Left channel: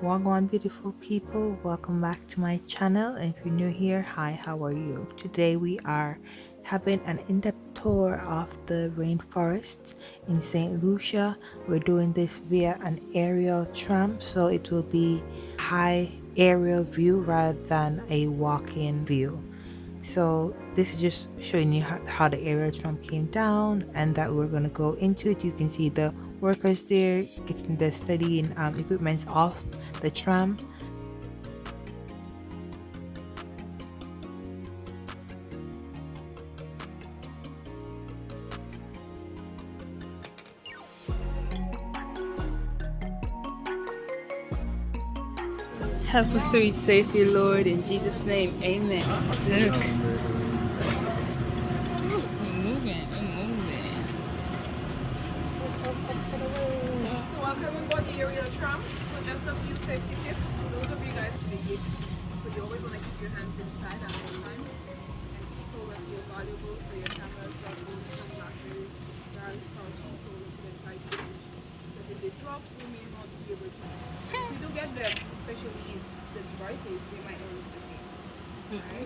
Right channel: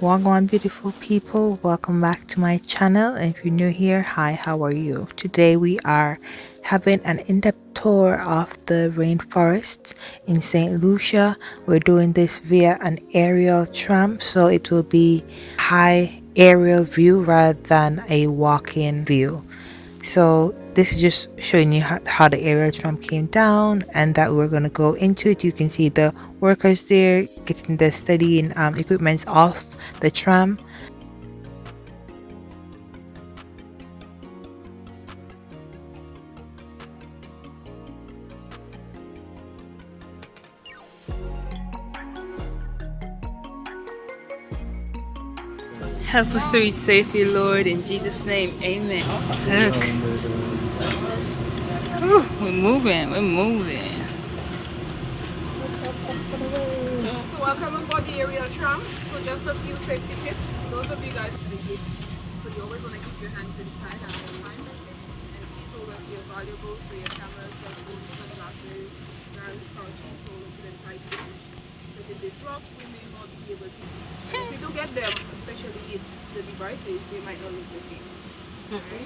Wagwan beautiful people, welcome back to my channel. And if you're new here, hi, how are you? Today we are having an in-depth tour of the rainforest in St. Lucia. We're doing this via an aerial tram, so it will be high aerial view rather than a walk-in view. So this is just showing you how the aerial tram came down and that we're going to go into it. You can see the workers there getting the studying equipments off the tram. Help us to reach safely, Lord, in Jesus' name. Amen. Look. Ooh, we're moving. So welcome aboard the aerial tram. So just a few safety tips. Those of you guys to the gates. So you always want to keep your hands inside at all times. And please hold on to your valuables, so your cameras, cell phones, sunglasses, guys, car keys, hold on to them tightly. Because if they drop, we may not be able to. And if we do get them, especially the devices, they might not look the same.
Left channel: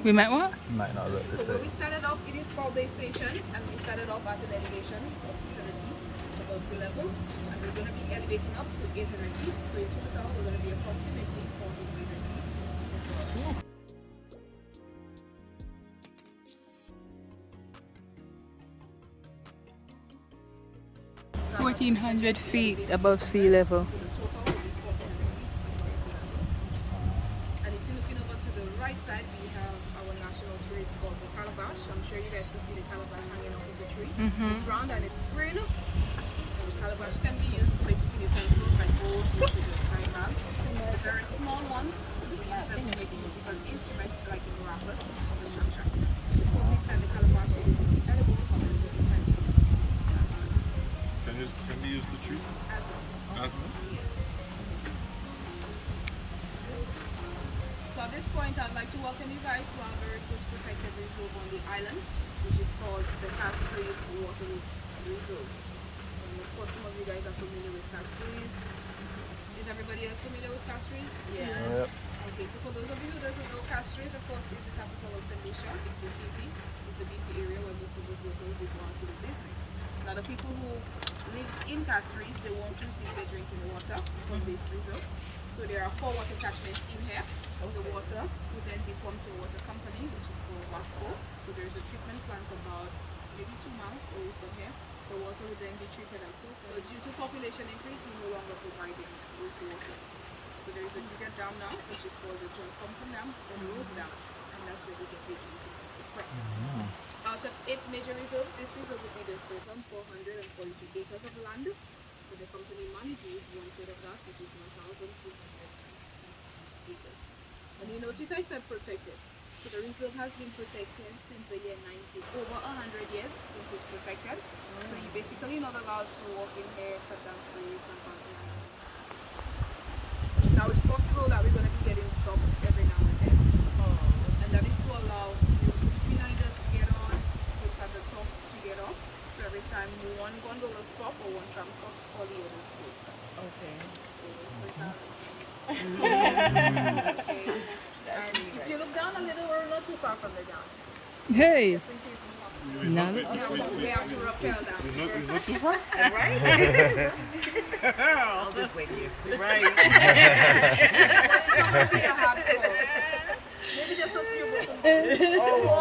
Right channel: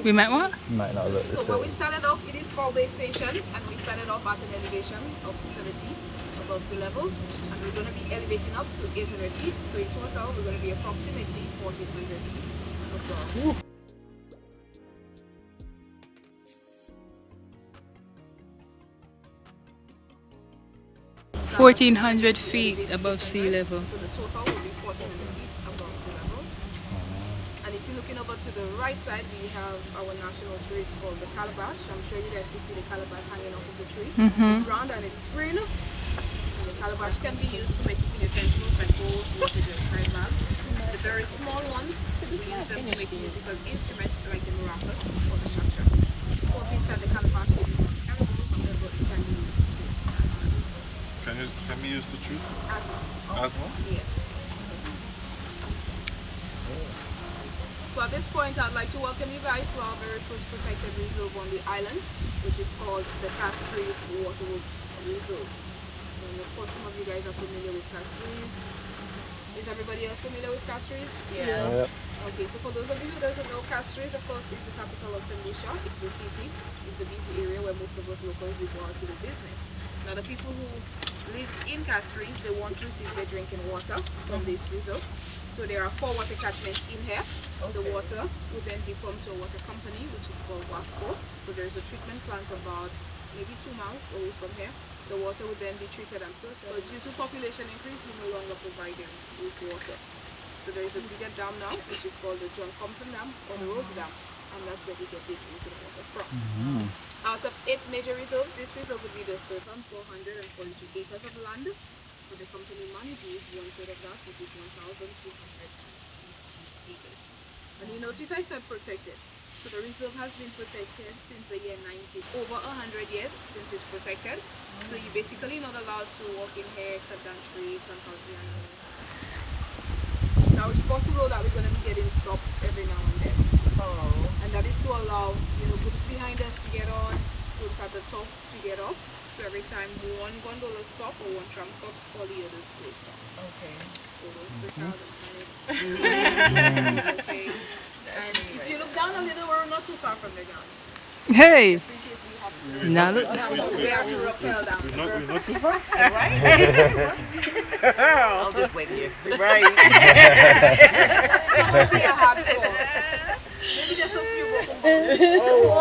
We might what? Might not look the So same. when we started off, it is called base station, and we started off at an elevation of 600 feet above sea level, and we're going to be elevating up to 800 feet. So in total, we're going to be approximately 1,400 feet above. 1,400 feet above sea level. So the total will be 1,400 feet above sea level. And if you're looking over to the right side, we have our national tree. It's called the calabash. I'm sure you guys can see the calabash hanging off of the tree. It's round and it's green. And the calabash can be used to make utensils and bowls, which is your side bags. The very small ones, we use them to make musical instruments like the maracas or the shakshak. The cool thing inside the calabash, it is not edible, however, it can be used to as well. Can we use the tree As well. as well? Yeah. So at this point, I'd like to welcome you guys to our very first protected reserve on the island, which is called the Castries Waterworks Reserve. And of course, some of you guys are familiar with Castries. Is everybody else familiar with Castries? Yeah. Okay, so for those of you who doesn't know, Castries, of course, is the capital of St. Lucia. It's the city. It's the busy area where most of us locals will go out to do business. Now, the people who live in Castries, they want to receive their drinking water from this reserve. So there are 4 water catchments in here. The water will then be pumped to a water company, which is called Wasco. So there's a treatment plant about maybe 2 miles away from here. The water will then be treated and filtered. But due to population increase, we no longer providing with water. So there is a bigger dam now, which is called the John Compton Dam or the Rose Dam, and that's where we get the drinking water from. Out of 8 major reserves, this reserve will be the 442 acres of land. But the company manages 1/3 of that, which is 1,250 acres. And you notice I said protected. So the reserve has been protected since the year 90. Over 100 years since it's protected. So you're basically not allowed to walk in here, cut down trees, and something. Now it's possible that we're going to be getting stops every now and then. And that is to allow, groups behind us to get on, groups at the top to get off. So every time one gondola stop or one tram stops, all the others will stop. Okay. Okay. And if you look down a little, we're not too far from the ground. Hey! In case we have to. Now look. We have to rappel down. We're not too far. I'll just wait here. Right. Probably a hard floor. Maybe just a few broken bones.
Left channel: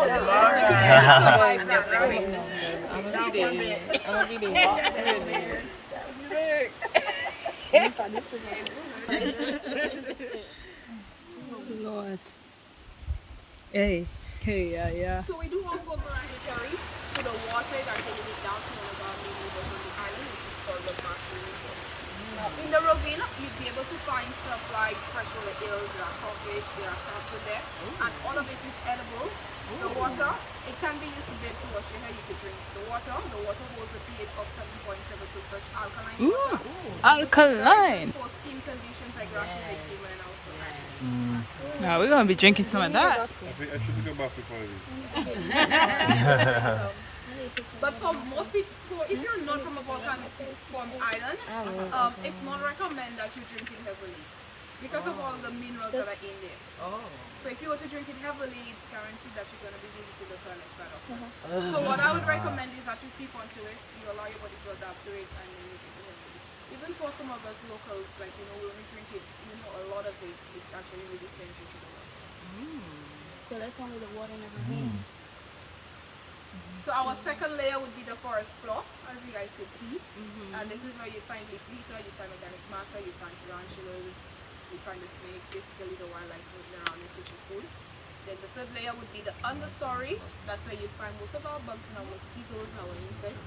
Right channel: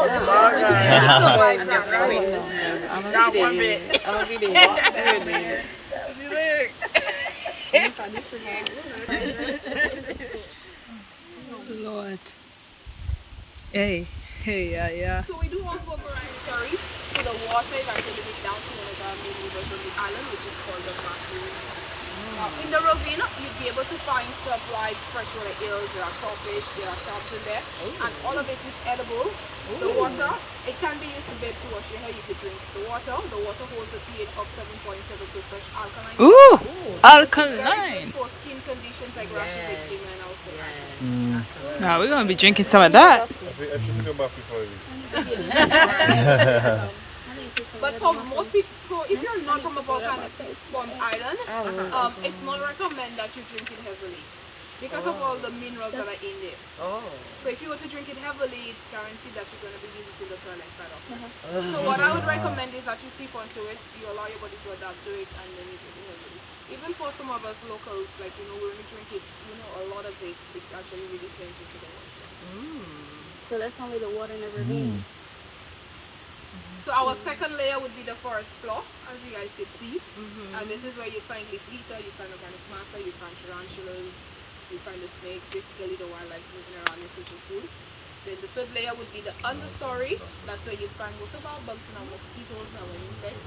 Not one bit. Lord. Hey, yeah. So we do offer variety for the water that is going down to one of our main rivers on the island, which is called the Marseille. Now, in the ravine, you'd be able to find stuff like freshwater eels, there are crawfish, there are crabs in there, and all of it is edible. The water, it can be used to bathe, to wash your hair, you could drink the water. The water holds a pH of 7.72 fresh alkaline. Ooh, alkaline. For skin conditions like rashes, eczema, and also Now we're gonna be drinking some of that. I shouldn't go back before this. But for most people, if you're not from a volcanic island, it's not recommended that you drink it heavily. because of all the minerals that are in there. Oh. So if you were to drink it heavily, it's guaranteed that you're going to be visiting the toilet quite often. So what I would recommend is that you sip onto it, you allow your body to adapt to it, and then you drink it heavily. Even for some of us locals, like, you know, when we drink it, you know, a lot of it actually really sends you to the water. So that's only the water in the ravine. So our second layer would be the forest floor, as you guys can see. And this is where you find leaf litter, you find organic matter, you find tarantulas, you find the snakes, basically the wildlife moving around and searching food. Then the third layer would be the understory. That's where you find most of our bugs and our mosquitoes and our insects.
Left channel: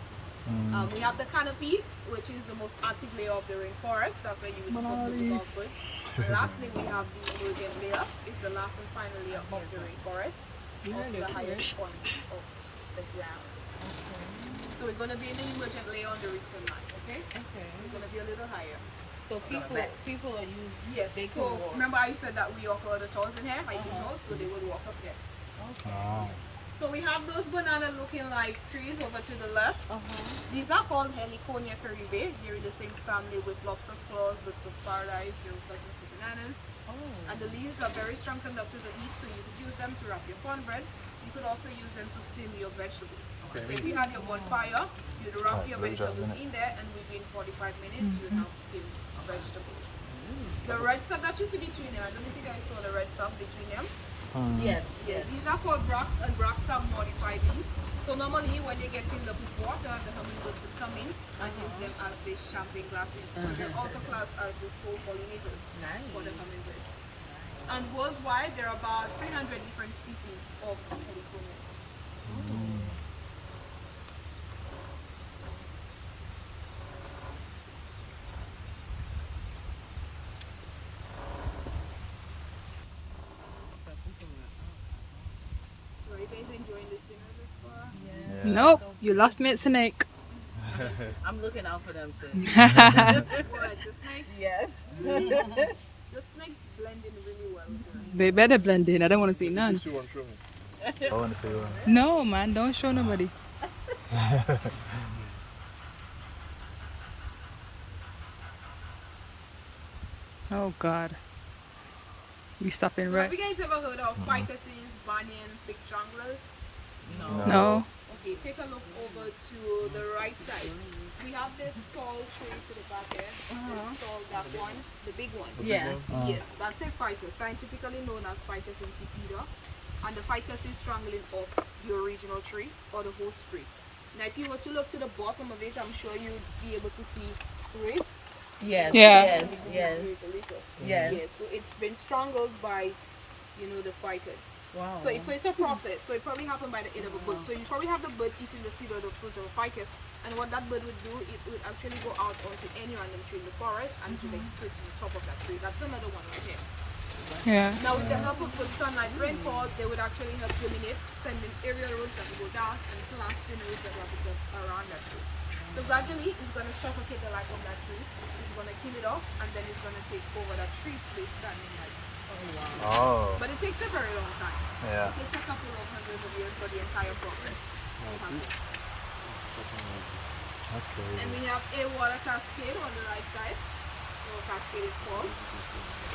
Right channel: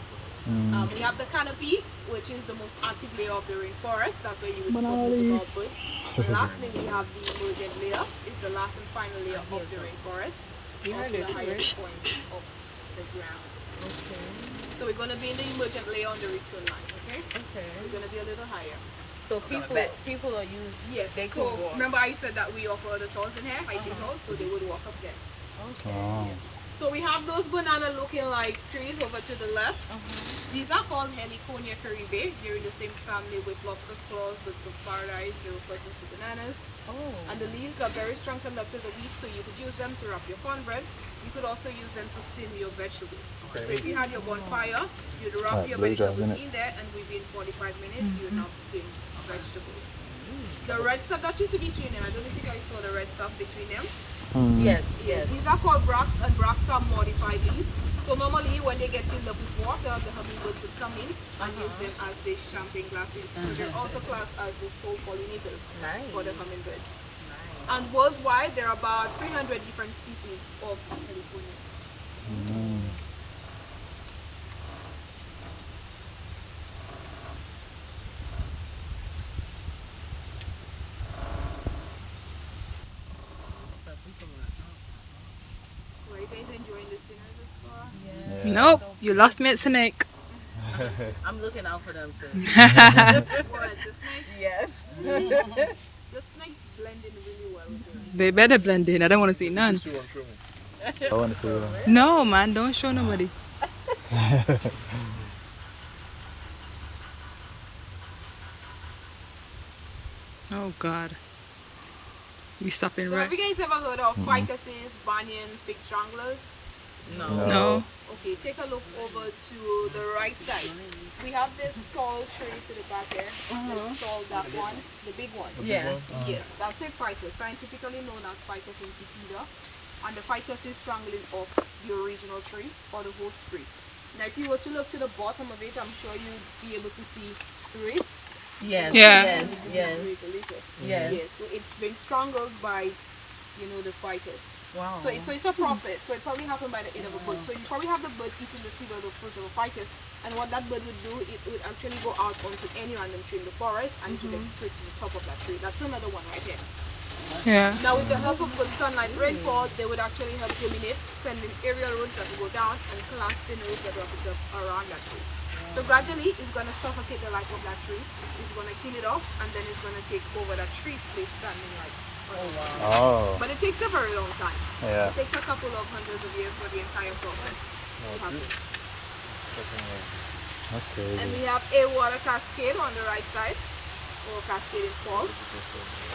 We have the canopy, which is the most active layer of the rainforest. That's where you would spot most of our birds. And lastly, we have the emergent layer. It's the last and final layer of the rainforest. Also the highest point of the ground. Okay. So we're going to be in the emergent layer on the return line, okay? Okay. We're going to be a little higher. So people are used. Yes, They could so walk. remember I said that we offer other tours in here, hiking tours, so they would walk up there. Oh. So we have those banana looking like trees over to the left. These are called Heliconia caribe. They're in the same family with lobster squirrels, birds of paradise, they're cousins to bananas. And the leaves are very strong conductors of heat, so you could use them to wrap your cornbread. You could also use them to steam your vegetables. So if you had your bonfire, you'd wrap your vegetables in there, and within 45 minutes, you would have steamed vegetables. The red stuff that used to be between them, I don't know if you guys saw the red stuff between them. Yes, yes. These are called bracts, and bracts are modified leaves. So normally when they get filled up with water, the hummingbirds would come in and use them as their champagne glasses. So they're also classed as the sole pollinators for the hummingbirds. And worldwide, there are about 300 different species of heliconia. So are you guys enjoying the scenery this far? Nope, you lost me at snake. I'm looking out for them, sis. What, the snakes? Yes. The snakes blend in really well with them. They better blend in. I don't want to see none. See one, show me. I want to see one. No, man, don't show nobody. Oh God. We stopping So right. have you guys ever heard of ficuses, banyans, fig stranglers? No. No. Okay, take a look over to the right side. We have this tall tree to the back here. This tall, that one, the big one. Yeah. Yes, that's a ficus, scientifically known as Ficus insipida. And the ficus is strangling off the original tree or the host tree. Now, if you were to look to the bottom of it, I'm sure you'd be able to see through it. Yes. Yeah. Yes. Yes. Yes. Yes, so it's been strangled by, you know, the ficus. Wow. So it's a process. So it probably happened by the end of a bird. So you probably have the bird eating the seed or the fruit of a ficus, and what that bird would do, it would actually go out onto any random tree in the forest and it would then split to the top of that tree. That's another one right here. Yeah. Now with the help of good sunlight rainfall, they would actually help germinate, sending aerial roots that will go down and clasping roots that wrap itself around that tree. So gradually, it's going to suffocate the life of that tree. It's going to kill it off, and then it's going to take over that tree's place standing like. Oh. But it takes a very long time. Yeah. It takes a couple of hundreds of years for the entire process to happen. That's And crazy. we have a water cascade on the right side, or cascading fall.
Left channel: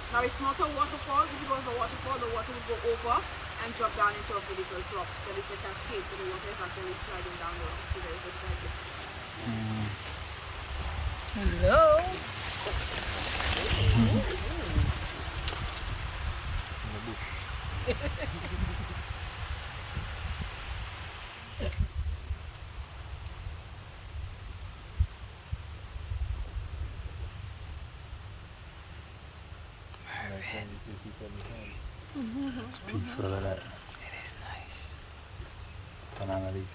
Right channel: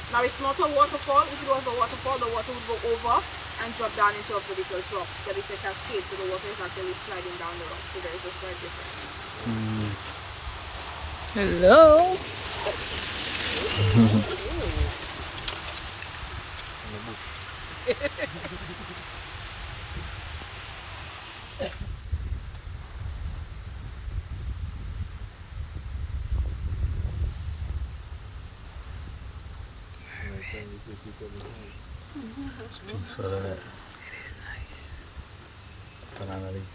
Now it's not a waterfall. If it was a waterfall, the water would go over and drop down into a vertical drop. But it's a cascade, so the water is actually sliding down the road. So there is a slight difference. Hello. In the bush. It's peaceful, isn't it? It is nice. Banana leaf.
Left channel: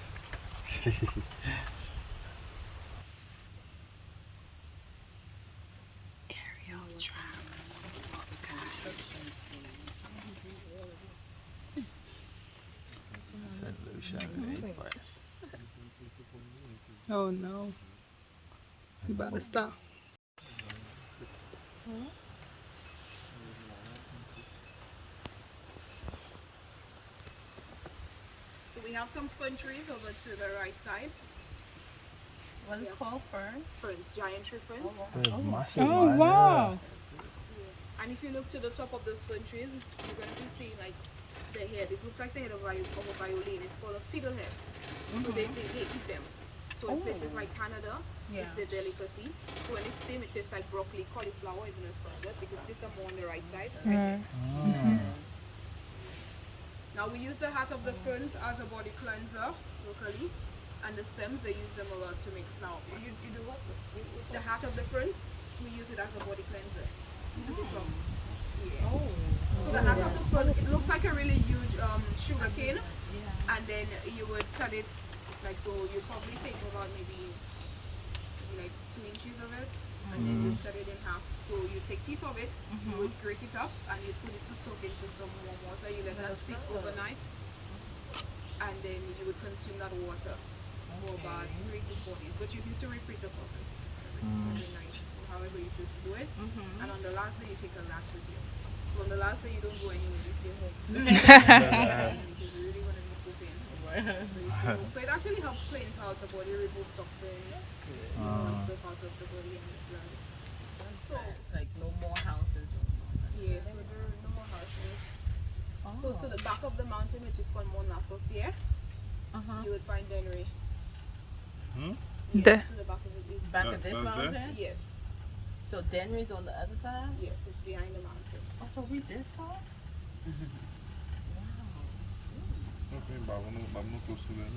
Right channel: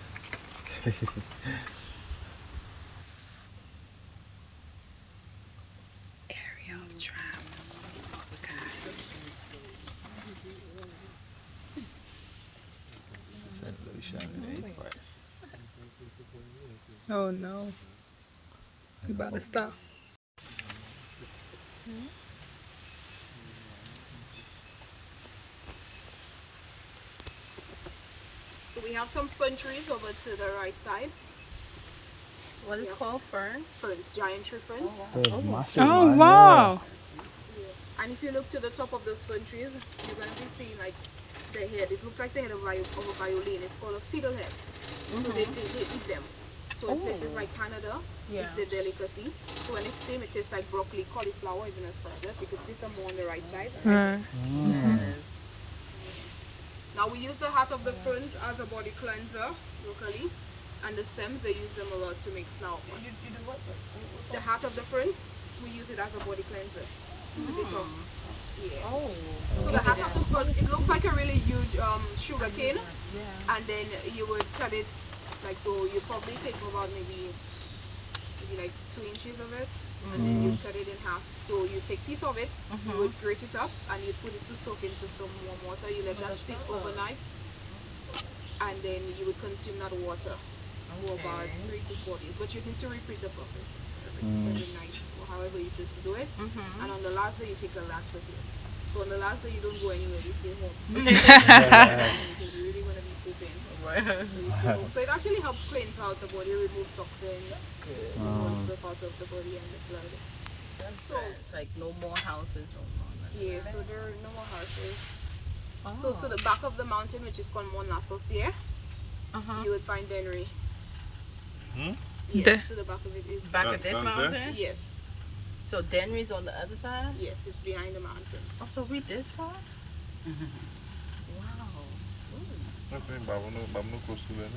Aerial travel. St. Lucian rainforest. Oh no. You about to stop. So we have some fern trees over to the right side. What is called fern? Ferns, giant tree ferns. They're massive. Oh man, wow. I And if you look to the top of those fern trees, you're going to be seeing like the head. It looks like the head of a violin. It's called a fiddlehead. So they eat them. So in places like Canada, it's their delicacy. So when it's steamed, it tastes like broccoli, cauliflower, even asparagus. You could see some more on the right side. Right. Now we use the heart of the ferns as a body cleanser locally, and the stems they use them a lot to make flower pots. You do what? The heart of the ferns, we use it as a body cleanser. Yeah. Oh. So the heart of the fern, it looks like a really huge sugar cane, and then you would cut it like so. You probably take about maybe like 2 inches of it, and then you cut it in half. So you take piece of it, you would grate it up, and you put it to soak into some warm water. You let that sit overnight, and then you would consume that water for about 3 to 4 days. But you need to repeat the process every night, or however you choose to do it. And on the last day, you take a laxative. So on the last day, you don't go anywhere. You stay home because you're really gonna be pooping. So you stay home. So it actually helps cleanse out the body, remove toxins, remove stuff out of the body and the blood. So Like no more houses, no more. yeah, so there are no more houses. So to the back of the mountain, which is called Mont Lassociere, you would find Dennery. Yes, There. to the back of it is. Back of this mountain? Yes, So Denry's on the other side? yes, it's behind the mountain. Oh, so we this far? Wow. Okay, Babano close to there.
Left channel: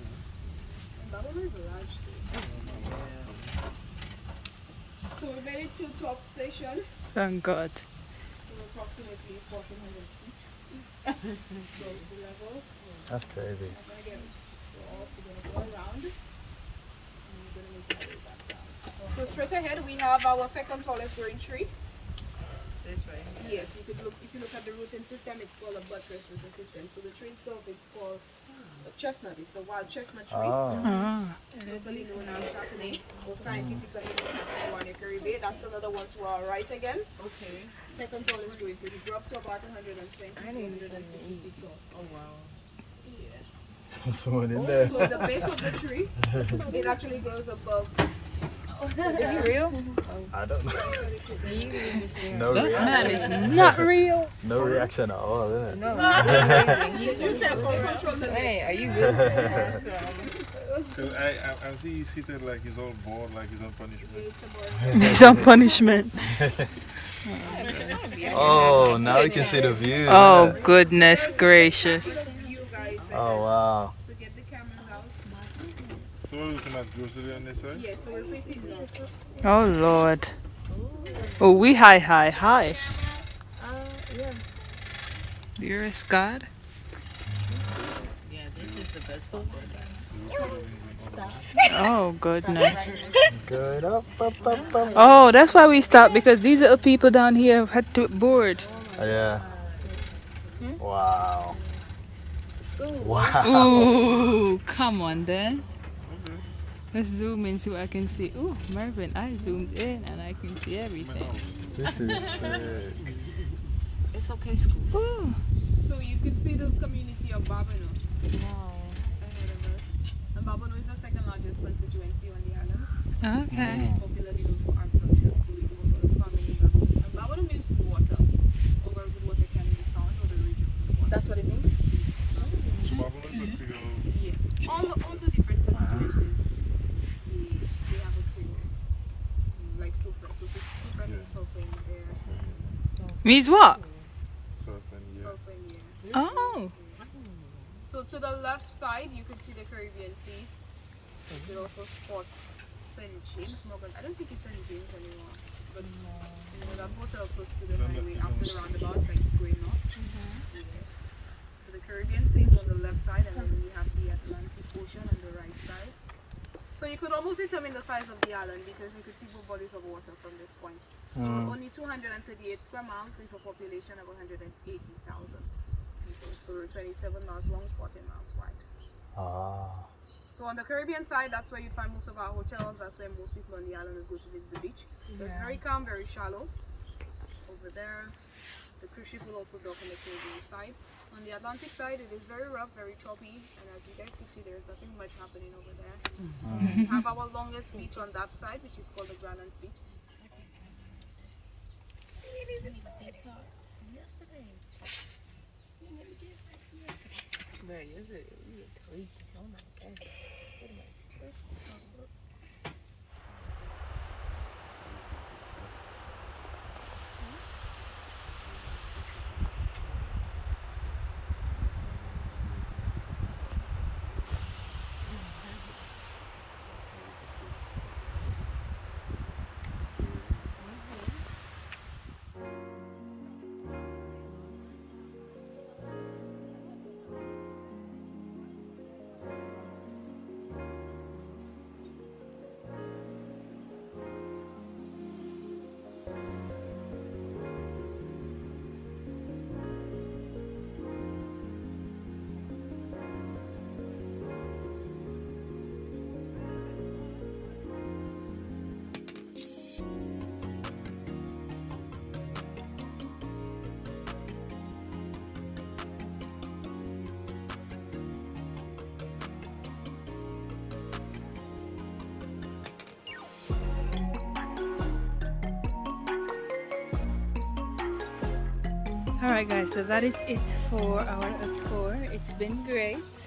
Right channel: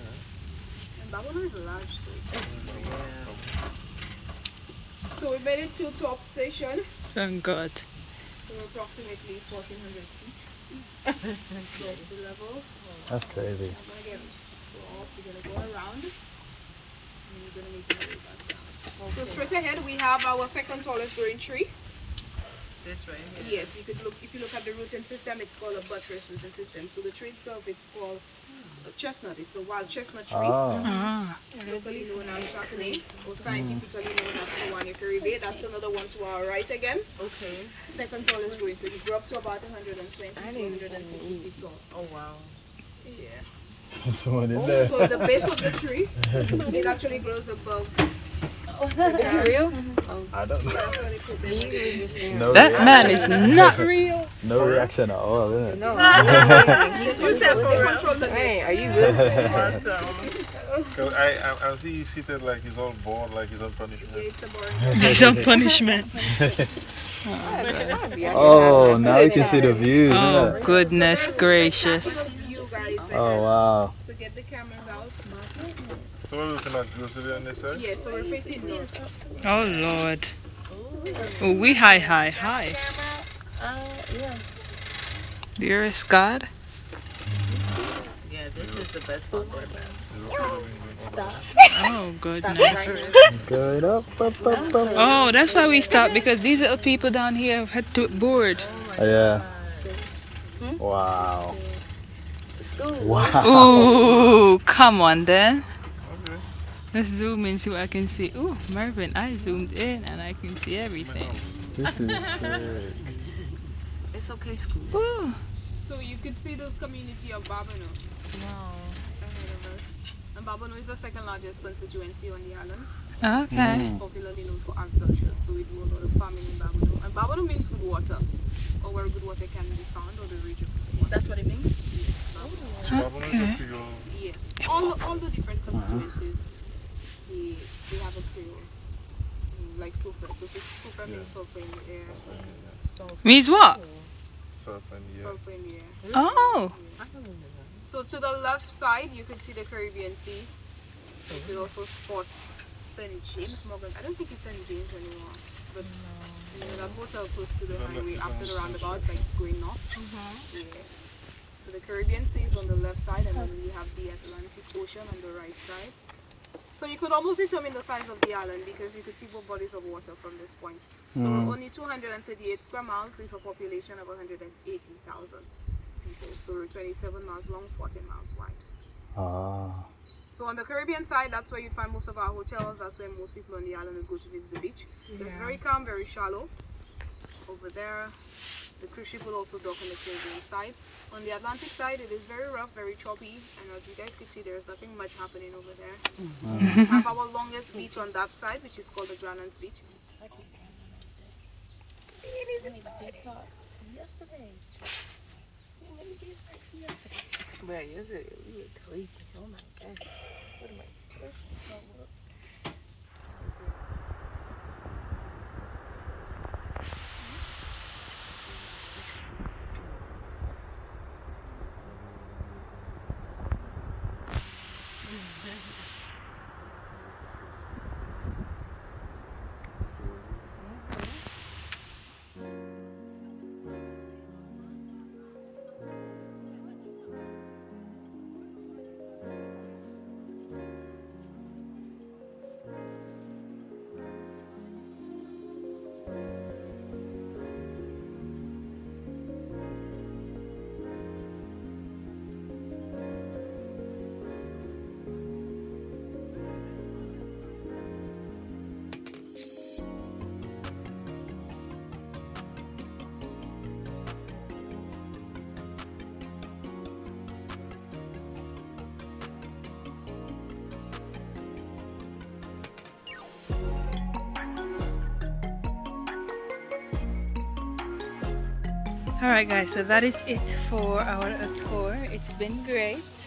And Babylon is a large state. So we made it to top station, Thank God. so approximately 1,400 feet above the level. That's crazy. I'm gonna get off. We're gonna go around, and we're gonna make our way back down. So straight ahead, we have our second tallest growing tree. This right here? Yes, you could look. If you look at the rooting system, it's called a buttress rooting system. So the tree itself is called a chestnut. It's a wild chestnut tree, locally known as Chardonnay, or scientifically known as Sewani Caribe. That's another one to our right again. Okay. Second tallest growing. So you grow up to about 120 to 160 feet tall. Oh, wow. Yeah. Someone in there. So the base of the tree, it actually grows above. Is it real? I don't know. That's why they put them. No That reaction. man is not real. No reaction at all. Is it? No. Control the Hey, are you good? Awesome. Cause I see he's seated like he's all bored, like he's on punishment. Yeah, it's a boring. Some punishment. Oh, now you can see the views. Oh, goodness gracious. You guys. Oh, wow. So get the cameras out. So we're looking at grocery on this side? Yeah, so we're facing north. Oh, Lord. Oh, we high. Yeah. Dearest God. Yeah, this is the best spot for that. Oh, goodness. Good up. Oh, that's why we stopped, because these little people down here had to board. Yeah. Wow. Wow. Ooh, come on then. Let's zoom in, see what I can see. Ooh, Mervin, I zoomed in and I can see everything. This is sick. It's okay, school. Ooh. So you could see the community of Babano ahead of us. And Babano is the second largest constituency on the island. Okay. It's popularly known for agriculture, so we do a lot of farming in Babano. And Babano means good water, or where good water can be found, or the region of good water. That's what it means? So Babano is a Creole. Yes. All the different constituencies, they have a Creole. Like sulfur. So sulfur means sulfur in the air. Means what? Surf and yeah. Sulfur in the air. Oh. So to the left side, you could see the Caribbean Sea. You could also spot St. James Morgan. I don't think it's St. James anymore, but you know that hotel close to the highway after the roundabout, like going north. Yeah. So the Caribbean Sea is on the left side, and then we have the Atlantic Ocean on the right side. So you could almost determine the size of the island because you could see both bodies of water from this point. So we're only 238 square miles with a population of 180,000 people. So we're 27 miles long, 14 miles wide. Ah. So on the Caribbean side, that's where you find most of our hotels. That's where most people on the island would go to visit the beach. So it's very calm, very shallow. Over there, the cruise ship will also dock on the Caribbean side. On the Atlantic side, it is very rough, very choppy, and as you guys can see, there's nothing much happening over there. We have our longest beach on that side, which is called the Granite Beach. made a detox yesterday. You made a detox yesterday. But yesterday, you ate tweaking. Oh my gosh. What am I? This don't work. Alright guys, so that is it for our tour. It's been great.